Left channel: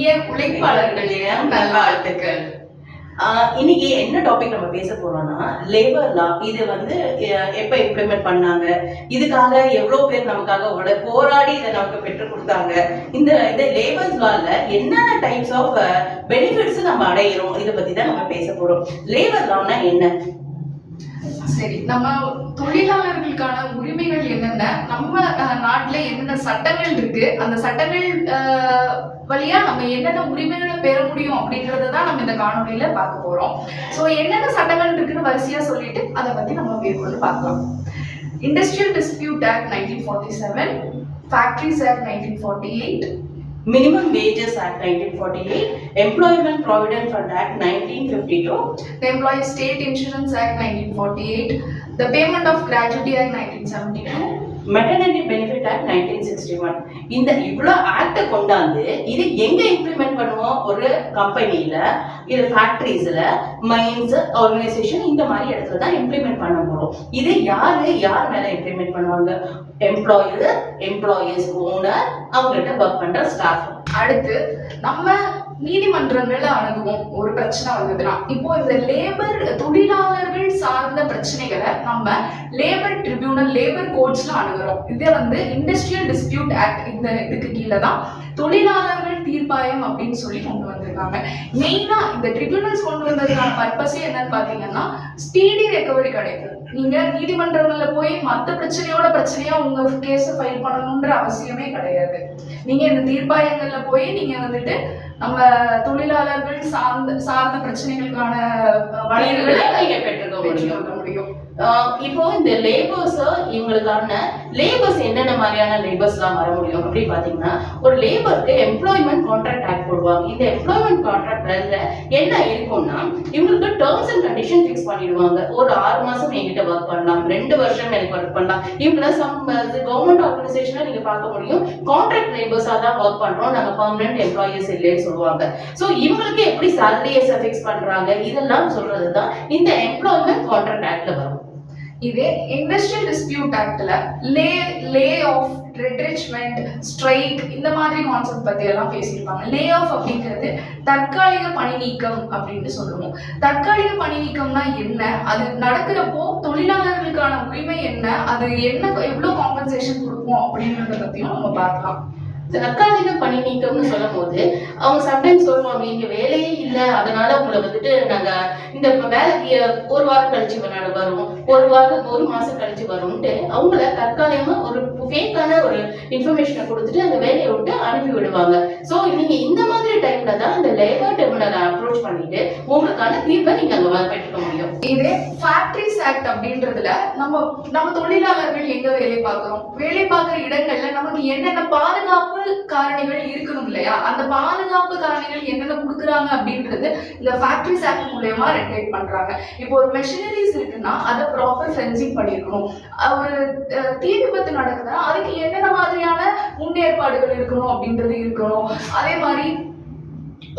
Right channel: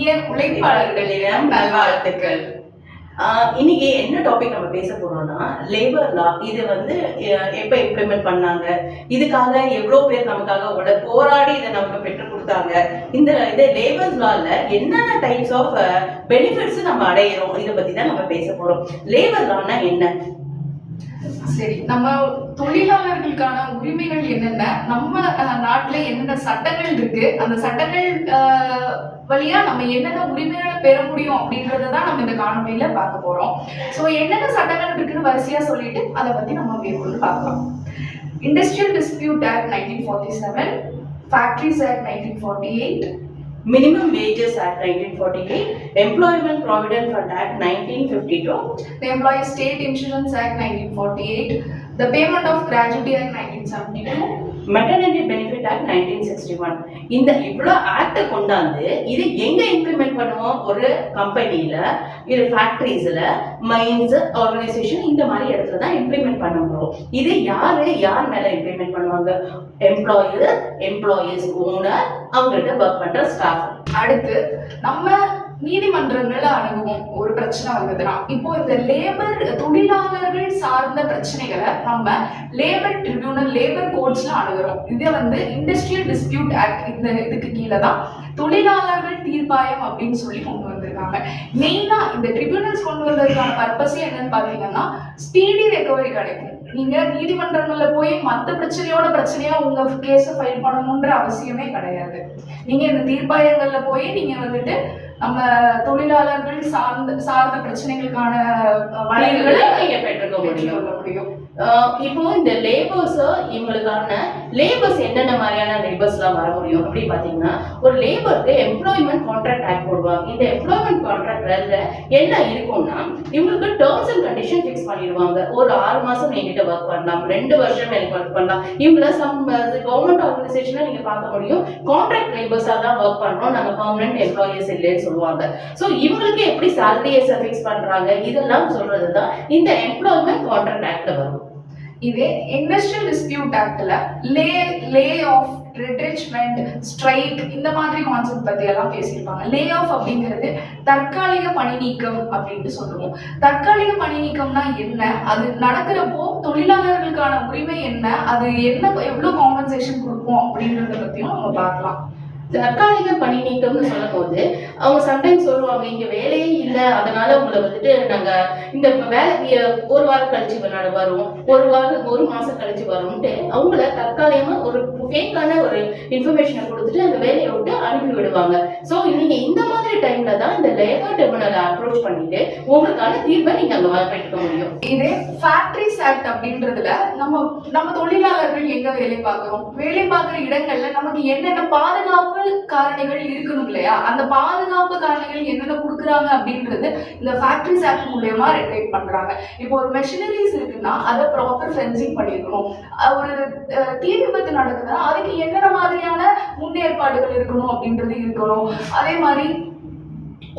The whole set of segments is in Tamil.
இனிய உழைப்பாளர்களிடம் நல்வாழ்த்துக்கள். இன்னைக்கு என்ன டாபிக் நம்ம பேச போறோம்னா லேபர் லா. இது எப்ப இம்ப்ளிமெண்ட் பண்ணாங்க, இதுக்காக எவ்வளவு பேர் நமக்காக போராடி இதை நமக்கு பெற்றுக் கொடுத்தாங்க, இந்த லேபர் லால என்னென்ன டைப்ஸ் ஆஃப் பெனிஃபிட்ஸ் நம்ம அடையிறோம், இதை பத்தி தான் நம்ம பேச போறோம். லேபர் லானா என்ன? சரி, நம்ம தொழிலாளர்களுக்கான உரிமைகள் என்னென்ன, நம்ம நாட்டுல என்னென்ன சட்டங்கள் இருக்கு, அந்த சட்டங்கள் வழியா நம்ம என்னென்ன உரிமைகளை பெற முடியும் அப்படின்றதான் நம்ம இந்த காணொலியில பார்க்க போறோம். ஸோ என்னென்ன சட்டங்கள் இருக்குன்னு வரிசையா சொல்லிட்டு அதை பத்தி நம்ம மேற்கொண்டு பார்க்கலாம். Industrial dispute act 1947, factories act 1948, Minimum Wages Act 1948, Employment Provident Fund Act 1952, the Employee State Insurance Act 1948, the Payment of Gratuity Act 1972, Maternity Benefit Act 1961. இந்த இவ்வளோ ஆக்ட் கொண்டாந்து இது எங்க இம்ப்ளிமெண்ட் பண்ணுவோம்? ஒரு கம்பெனியில, இது ஃபேக்டரிஸ்ல, மைன்ஸ், ஆர்கனைசேஷன், இந்த மாதிரி இடத்துல தான் இம்ப்ளிமெண்ட் பண்ண போறோம். இது யார் மேல இம்ப்ளிமெண்ட் பண்ணுவாங்க? எம்ப்ளாயர், எம்ப்ளாயீஸ், ஓனர், அவங்ககிட்ட ஒர்க் பண்ற ஸ்டாஃப். அடுத்து நம்ம நீதிமன்றங்களை அணுகுவோம் ஒரு பிரச்சனை வந்ததுன்னா. இப்போ இந்த தொழிலாளர்கள் சார்ந்த பிரச்சனைகளை நம்ம லேபர் ட்ரிபியூனல், லேபர் கோர்ட்ஸ்ல அணுகிறோம். இது இண்டஸ்ட்ரியல் டிஸ்பியூட் ஆக்ட், இந்த இதுக்கு கீழே தான் தொழிலாளர்கள் தீர்ப்பாயம் அப்படின்னு சொல்லி கொண்டு வந்திருக்காங்க. மெயினா இந்த ட்ரிபியூனல்ஸ் கொண்டு வந்ததுக்கான பர்பஸே என்னன்னு பாத்தீங்கன்னா, ஸ்பீடி ரெக்கவரி கிடைக்கும். நீங்க நீதிமன்றங்கள்ல போய் மற்ற பிரச்சனையா உங்க கேஸ ஃபைல் பண்ணணும்ன்ற அவசியமே கிடையாது. நீங்க இந்த தீர்ப்பாயங்கள்ல போய் நீங்க நம்ம தொழிலாளர்கள் சார்ந்த பிரச்சனைகளுக்கான வழிகளை பெற்றுக்கொள்ள முடியும். இப்போ இந்த இவங்களுக்கான லேபர்ஸ் என்னென்ன மாதிரியான லேபர்ஸ்லாம் வர முடியும் அப்படி பாத்தீங்கன்னா, ஒரு லேபருக்கு எம்ப்ளாய்மெண்ட் கான்ட்ராக்ட் ஆக்ட் போடுவாங்க. இந்த எம்ப்ளாய்மெண்ட் கான்ட்ராக்ட்ல என்ன இருக்கும்னா, இவங்களுக்கு டேர்ம்ஸ் அண்ட் கண்டிஷன் ஃபிக்ஸ் பண்ணிடுவாங்க. ஒரு 6 மாசம் என்கிட்ட ஒர்க் பண்ணலாம், 2 வருஷம் எனக்கு ஒர்க் பண்ணலாம். இவங்கள கவர்மெண்ட் ஆர்கனைசேஷன்ல நீங்க பார்க்க முடியும், கான்ட்ராக்ட் லேபர்ஸா தான் ஒர்க் பண்றோம், நாங்க பெர்மனன்ட் எம்ப்ளாயீஸ் இல்லைன்னு சொல்லுவாங்க. ஸோ இவங்களுக்கு எப்படி சாலரிஸ் ஃபிக்ஸ் பண்றாங்க, இதெல்லாம் சொல்றதுதான் இந்த எம்ப்ளாய்மெண்ட் கான்ட்ராக்ட் ஆக்ட்ல வரும். இதே இண்டஸ்ட்ரியல் டிஸ்பியூட் ஆக்ட்ல லே ஆஃப், ரிட்ரெச்மெண்ட், ஸ்ட்ரைக், இந்த மாதிரி கான்செப்ட் பத்தி எல்லாம் பேசியிருப்பாங்க. லே ஆஃப் அப்படிங்கிறது தற்காலிக பணி நீக்கம் அப்படின்னு சொல்லுவோம். தற்காலிக பணி நீக்கம்னா என்ன, அது நடக்கிறப்போ தொழிலாளர்களுக்கான உரிமை என்ன, அது என்ன, எவ்வளவு காம்பன்சேஷன் கொடுப்போம் அப்படின்றத பத்தியும் நம்ம பார்க்கலாம். தற்காலிக பணி நீக்கம்னு சொல்லும் போது அவங்க சம்டைம்ஸ் சொல்லுவாங்க, இங்க வேலையே இல்லை, அதனால உங்களை நாங்க இந்த வேலைக்கு 1 வாரம் கழிச்சு வரும், 1 மாசம் கழிச்சு வரும்ட்டு அவங்கள தற்காலிகமா ஒரு ஃபேக்கான ஒரு இன்ஃபர்மேஷனை கொடுத்துட்டு அந்த வேலையை விட்டு அனுப்பி விடுவாங்க. ஸோ நீங்க இந்த மாதிரி டைம்ல தான் இந்த லேபர் ட்ரிபியூனலை அப்ரோச் பண்ணிட்டு உங்களுக்கான தீர்வை நீங்க அங்க பெற்றுக்க முடியும். இதே ஃபேக்டரிஸ் ஆக்ட் அப்படின்றதுல நம்ம தொழிலாளர்கள் எங்க வேலை பார்க்குற இடங்கள்ல நமக்கு என்னென்ன பாதுகாப்பு காரணிகள் இருக்கணும் இல்லையா, அந்த பாதுகாப்பு காரணிகள் என்னென்ன கொடுக்குறாங்க அப்படின்றது இந்த ஃபேக்டரிஸ் ஆக்ட் மூலமா ரெகுலேட் பண்றாங்க. இப்போ ஒரு மெஷினரிஸ் இருக்குன்னா அதை ப்ராப்பர் ஃபென்சிங் பண்ணிருக்கணும். ஒரு தீ விபத்து நடக்குதுன்னா அதுக்கு என்னென்ன மாதிரியான முன்னேற்பாடுகள் இருக்கணும் அப்படின்றது இருக்கணும். அதே மாதிரி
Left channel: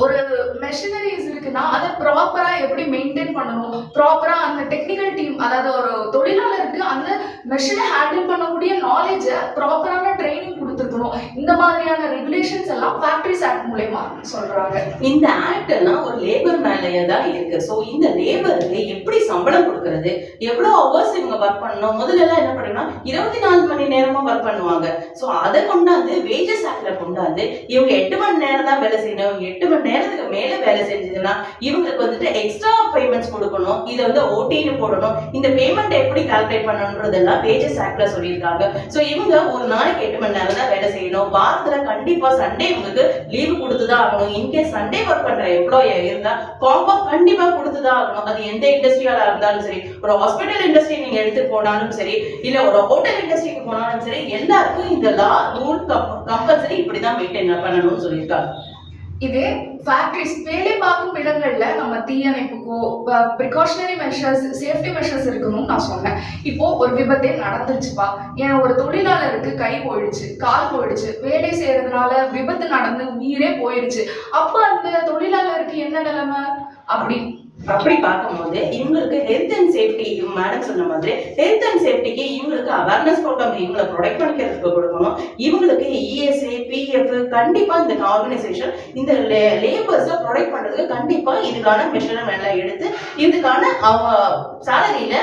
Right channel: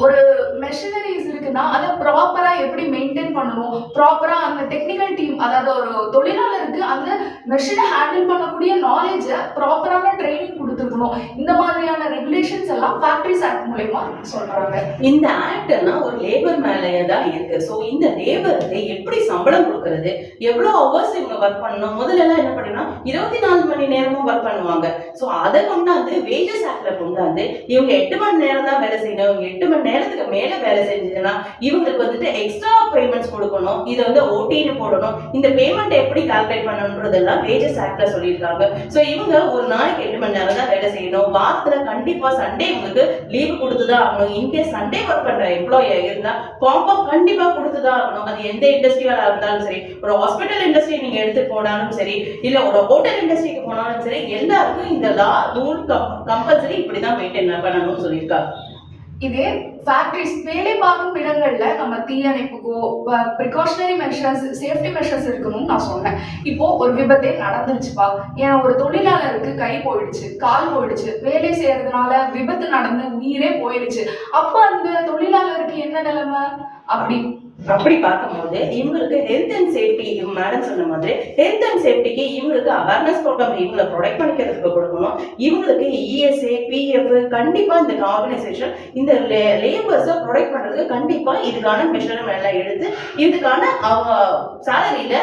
ஒரு மெஷினரிஸ் இருக்குன்னா அதை ப்ராப்பரா எப்படி மெயின்டைன் பண்ணணும், ப்ராப்பரா அந்த டெக்னிக்கல் டீம், அதாவது ஒரு தொழிலாளருக்கு அந்த மெஷினை ஹேண்டில் பண்ணக்கூடிய நாலேஜை ப்ராப்பரான ட்ரைனிங் கொடுத்துருக்கணும். இந்த மாதிரியான ரெகுலேஷன்ஸ் எல்லாம் ஃபேக்டரிஸ் ஆக்ட் மூலமா சொல்றாங்க. இந்த ஆக்ட் எல்லாம் ஒரு லேபர் மேலேயே தான் இருக்கு. ஸோ இந்த லேபருக்கு எப்படி சம்பளம் கொடுக்கறது, எவ்வளவு ஹவர்ஸ் இவங்க ஒர்க் பண்ணணும், முதல்ல எல்லாம் என்ன பண்ணா 24 மணி நேரமும் ஒர்க் பண்ணுவாங்க. ஸோ அதை கொண்டாந்து வேஜஸ் ஆக்ட்ல கொண்டாந்து இவங்க 8 மணி நேரம் தான் வேலை செய்யணும், இவங்க 8 மணி நேரத்துக்கு மேல வேலை செஞ்சதுன்னா இவங்களுக்கு எக்ஸ்ட்ரா பேமெண்ட்ஸ் கொடுக்கணும், இதை ஓடின்னு போடணும். இந்த பேமெண்ட் எப்படி கால்குலேட் பண்ணணும்ன்றதெல்லாம் வேஜஸ் ஆக்ட்ல சொல்லியிருக்காங்க. ஸோ இவங்க ஒரு நாளைக்கு 8 மணி நேரம் தான் வேலை செய்யணும். வாரத்துல கண்டிப்பா சண்டே இவங்களுக்கு லீவு கொடுத்துதான் ஆகணும். இன்கேஸ் சண்டே ஒர்க் பண்ற எம்ப்ளாயி இருந்தா காம்பா கண்டிப்பா கொடுத்துதான் ஆகணும். அது எந்த இண்டஸ்ட்ரியா இருந்தாலும் சரி, ஒரு ஹாஸ்பிட்டல் இண்டஸ்ட்ரி நீங்க எடுத்து போனாலும் சரி, இல்ல ஒரு ஹோட்டல் இண்டஸ்ட்ரிக்கு போனாலும் சரி, எல்லாருக்கும் இந்த ரூல் கம்பல்சரி இப்படிதான் மெயின்டைன் பண்ணணும்னு சொல்லியிருக்காங்க. இதே ஃபேக்டரிஸ், வேலை பார்க்கும் இடங்கள்ல நம்ம தீயணைப்புக்கோ ப்ரிகாஷனரி மெஷர்ஸ், சேஃப்டி மெஷர்ஸ் இருக்கணும்னு நான் சொன்னேன். இப்போ ஒரு விபத்தே நடந்துருச்சுப்பா, ஏன்னா ஒரு தொழிலாளருக்கு கை போயிடுச்சு, கால் போயிடுச்சு, வேலை செய்யறதுனால விபத்து நடந்து உயிரே போயிடுச்சு, அப்ப அந்த தொழிலாளருக்கு என்ன நிலைமை அப்படி அப்படி பார்க்கும்போது இவங்களுக்கு ஹெல்த் அண்ட் சேஃப்டி, மேடம் சொன்ன மாதிரி ஹெல்த் அண்ட் சேஃப்டிக்கு இவங்களுக்கு அவேர்னஸ் ப்ரோக்ராம் இவங்களை ப்ரொடெக்ட் பண்ணிக்கிறதுக்கு கொடுக்கணும். இவங்களுக்கு இஎஸ்ஐ, பிஎஃப் கண்டிப்பா இந்த ஆர்கனைசேஷன் இந்த லேபர்ஸை ப்ரொடெக்ட் பண்றதுக்கு கண்டிப்பா இதுக்கான மெஷர்மெண்ட் எல்லாம் எடுத்து இதுக்கான அவங்க சேலரியில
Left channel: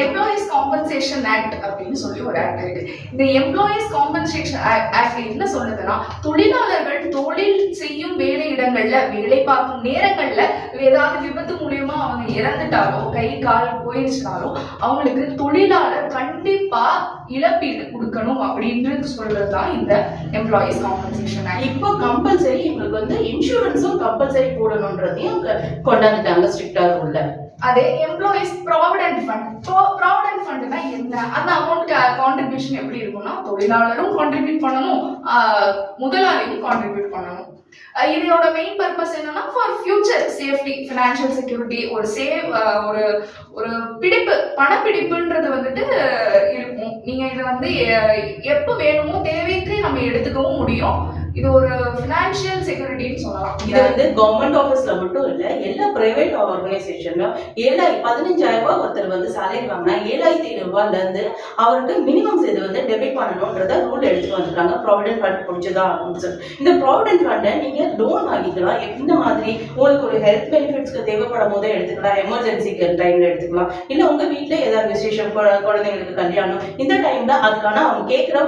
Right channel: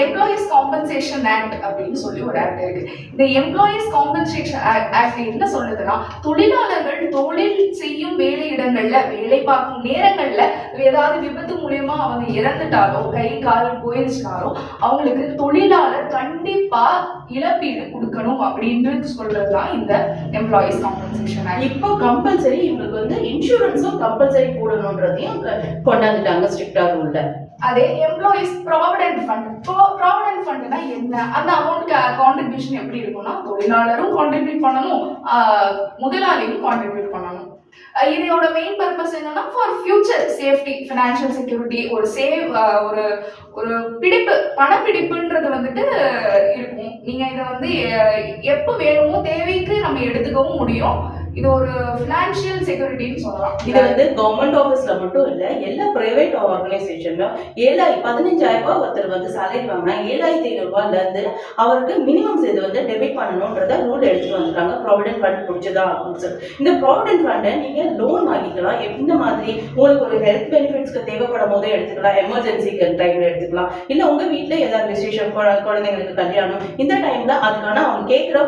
எம்ப்ளாயிஸ் காம்பன்சேஷன் ஆக்ட் அப்படின்னு சொல்லி ஒரு ஆக்ட் இருக்கு. இந்த எம்ப்ளாயிஸ் காம்பன்சேஷன் ஆக்ட் என்ன சொல்லுதுன்னா, தொழிலாளர்கள் தொழில் செய்யும் வேலை இடங்கள்ல வேலை பார்க்கும் நேரங்கள்ல ஏதாவது விபத்து மூலியமா அவங்க இறந்துட்டாலோ கை கால் போயிருச்சுனாலோ அவங்களுக்கு தொழிலாளர் கண்டிப்பா இழப்பீடு கொடுக்கணும் அப்படின்னு சொல்றதுதான் இந்த எம்ப்ளாயிஸ் காம்பன்சேஷன் ஆக்ட். இப்போ கம்பல்சரி இவங்களுக்கு வந்து இன்சூரன்ஸும் கம்பல்சரி போடணுன்றதையும் கொண்டாந்துட்டாங்க ஸ்ட்ரிக்டா உள்ள. அதே எம்ப்ளாயிஸ் ப்ராவிடென்ட் ஃபண்ட். ப்ராவிடென்ட் ஃபண்ட்னா என்ன? அந்த அமௌண்ட் கான்ட்ரிபியூஷன் எப்படி இருக்கும்னா, தொழிலாளரும் கான்ட்ரிபியூட் பண்ணணும், முதலாளியும் கான்ட்ரிபியூட் பண்ணணும். இதோட மெயின் பர்பஸ் என்னன்னா, for future safety, financial security, ஒரு ஒரு பிடிப்பு, பணப்பிடிப்புன்றது வந்துட்டு இருக்கும். நீங்க இதை வந்து எப்போ வேணுமோ தேவைக்கு நம்ம எடுத்துக்கவும் முடியும். இது ஒரு ஃபினான்ஷியல் செக்யூரிட்டின்னு சொல்லலாம். இது வந்து கவர்மெண்ட் ஆஃபீஸ்ல மட்டும் இல்ல, எல்லா பிரைவேட் ஆர்கனைசேஷன்லயும் 15,000 ரூபாய் ஒருத்தர் வந்து சேலரி வாங்கினா 7,500 ரூபாய்ல இருந்து அவருக்கு மினிமம் இது வந்து டெபிட் பண்ணணும்ன்றத ரூல் எடுத்து வந்துட்டாங்க. ப்ராவிடென்ட் ஃபண்ட் பிடிச்சதா அப்படின்னு சொல்லி இந்த ப்ராவிடென்ட் ஃபண்டை நீங்க லோன் வாங்கிக்கலாம். இந்த மாதிரி உங்களுக்கு ஒரு ஹெல்த் பெனிஃபிட்ஸ்க்கு தேவைப்படும் போதே எடுத்துக்கலாம், எமர்ஜென்சிக்கு டைம்ல எடுத்துக்கலாம், இல்ல உங்க வீட்டுல ஏதாவது விசேஷம், குழந்தைங்களுக்கு கல்யாணம், இந்த டைம்ல அதுக்கான அவங்க கேட்கிற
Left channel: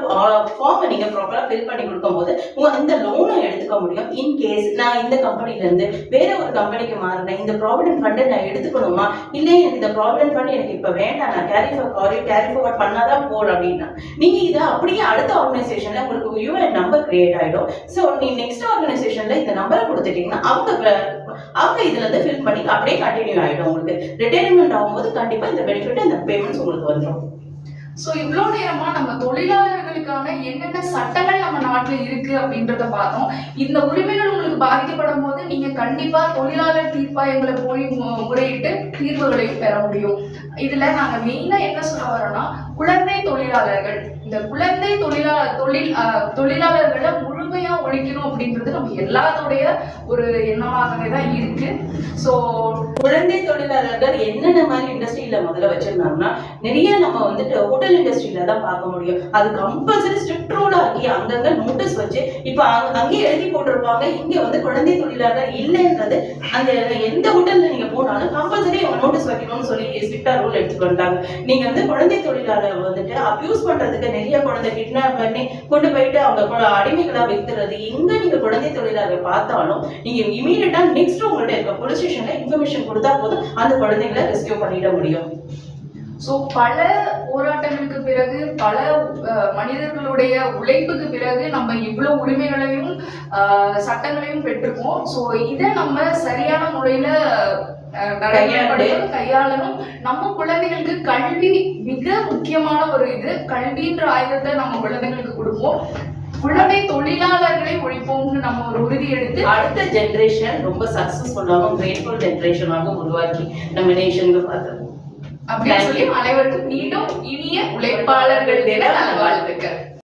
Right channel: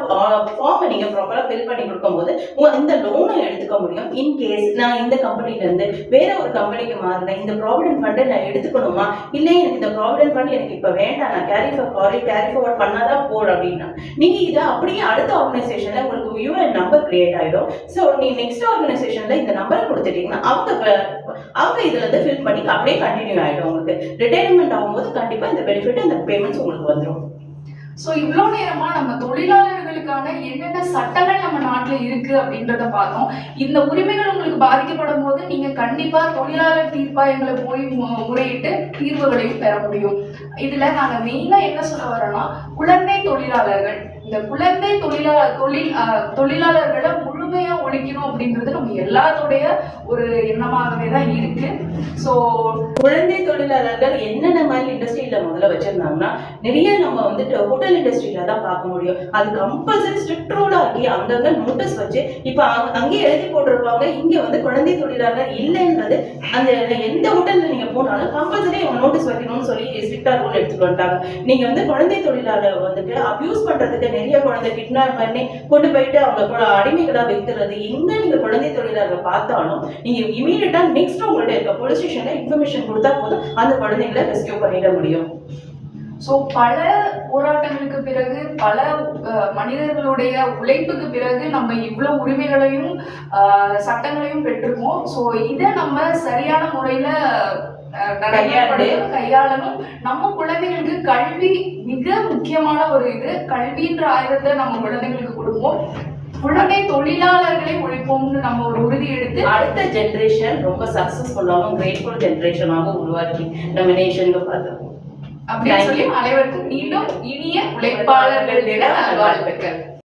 ஃபார்மை நீங்க ப்ராப்பரா ஃபில் பண்ணி கொடுக்கும் போது இந்த லோனை எடுத்துக்க முடியும். இன்கேஸ் நான் இந்த கம்பெனில இருந்து வேற ஒரு கம்பெனிக்கு மாறினேன், இந்த ப்ராவிடென்ட் ஃபண்டை நான் எடுத்துக்கணுமா, இல்லை எனக்கு இந்த ப்ராவிடென்ட் ஃபண்ட் எனக்கு இப்ப வேண்டாம், நான் கேரி ஃபார்வர்ட் பண்ணாதான் போல் அப்படின்னா நீங்க இதை அப்படியே அடுத்த ஆர்கனைசேஷன்ல உங்களுக்கு யூஎன் நம்பர் கிரியேட் ஆயிடும். ஸோ நீ நெக்ஸ்ட் ஆர்கனைசேஷன்ல இந்த நம்பரை கொடுத்துட்டீங்கன்னா அவங்க இதுல இருந்து ஃபில் பண்ணி அப்படியே கண்டினியூ ஆயிடும். உங்களுக்கு ரிட்டையர்மெண்ட் ஆகும்போது கண்டிப்பா இந்த பெனிஃபிட், இந்த பேமெண்ட்ஸ் உங்களுக்கு வந்துடும். ஸோ இவ்வளோ நேரமா நம்ம தொழிலாளர்களுக்கான என்னென்ன சட்டங்கள் நம்ம நாட்டில் இருக்கு அப்படின்றத பார்த்தோம். இந்த உரிமைகள் உங்களுக்கு பாதிக்கப்படும் போது நீங்க கண்டிப்பா தொழிலாளர் தீர்ப்பாயங்களை போய் முறையிட்டு தீர்வுகளையும் பெற முடியும். இதுல நாங்க மெயினா என்ன சொல்ல வரோம்னா, குழந்தை தொழிலாளர்கள், இந்த குழந்தை தொழிலாளர்களை முழுமையா ஒழிக்கணும் அப்படின்றது நம்ம எல்லாத்தோடைய ஒரு எண்ணமாகவே தான் இருக்கு. ஸோ குழந்தை தொழிலாளர்கள் என்னென்ன மாதிரி இண்டஸ்ட்ரியில முதல்ல வச்சிருந்தாங்கன்னா, நிறைய நம்ம வந்துட்டு ஹோட்டல் இண்டஸ்ட்ரியில தான் பார்க்க முடியும். அது கம்பல்சரி ஸ்ட்ரிக்ட் ரூல் ஆகி அங்கங்க நோட்டீஸ் வச்சு இப்ப அங்கேயே எழுதி போட்டுருவாங்க, இங்க வந்து குழந்தை தொழிலாளர் இல்லைன்றது. அந்த எந்த ஹோட்டல்ல நீங்க போனாலும் கம்பல்சரி அவங்க நோட்டீஸ் வைக்கணும்னு சொல்லி ஸ்ட்ரிக்டா ரூல் எடுத்துட்டு வந்துட்டாங்க. நீங்க வந்து குழந்தை தொழிலாளர் வந்துட்டு அபியூஸ் பண்றதுக்கு நிறைய குழந்தை கிட்னாப் பண்ணி கொண்டு போயிட்டு அவங்க அடிமைகளா வைத்துறது, எங்க நீங்க குழந்தை தொழிலாளர்கள் பார்த்தாலும் நீங்க இமீடியட்டா நெக்ஸ்ட் உங்கள்ட்ட இருக்க போலீஸ் ஸ்டேஷன்ல இன்ஃபர்மேஷன் கொடுத்தா போதும் அந்த குழந்தைகளை ரெஸ்கியூ பண்ணிட முடியும். ஸோ பல போராட்டங்களுக்கு பிறகு, பல மனிதர்களுடைய உழைப்புக்கு பிறகு நம்ம இவ்வளவு உரிமைகளையும் சட்டங்களையும் பெற்றிருக்கோம். ஸோ இதை நம்ம சரியான முறையில கையாளணும். நம்ம குழந்தைகளுக்கு கல்வி மிக முக்கியமான ஒரு இது. கல்வின்ற ஆயுதத்தை நம்ம குழந்தைங்களுக்கு கொடுப்போம். குழந்தை தொழிலாளர்களை ஒழிப்போம்னு நம்ம ஒரு உறுதி எடுத்து அடுத்த ஜெனரேஷன் ரொம்ப சக்சஸ்ஃபுல்லாகவும் கிரேட்ஃபுல் ஜெனரேஷனாகவும் உருவாக்கி நம்ம நேஷனுக்கு பார்த்துருக்கோம் அப்படின்னு சொல்லி அனைவருக்கும் மீண்டும் இனிய உழைப்பாளர்கள் தின நல்வாழ்த்துக்கள்.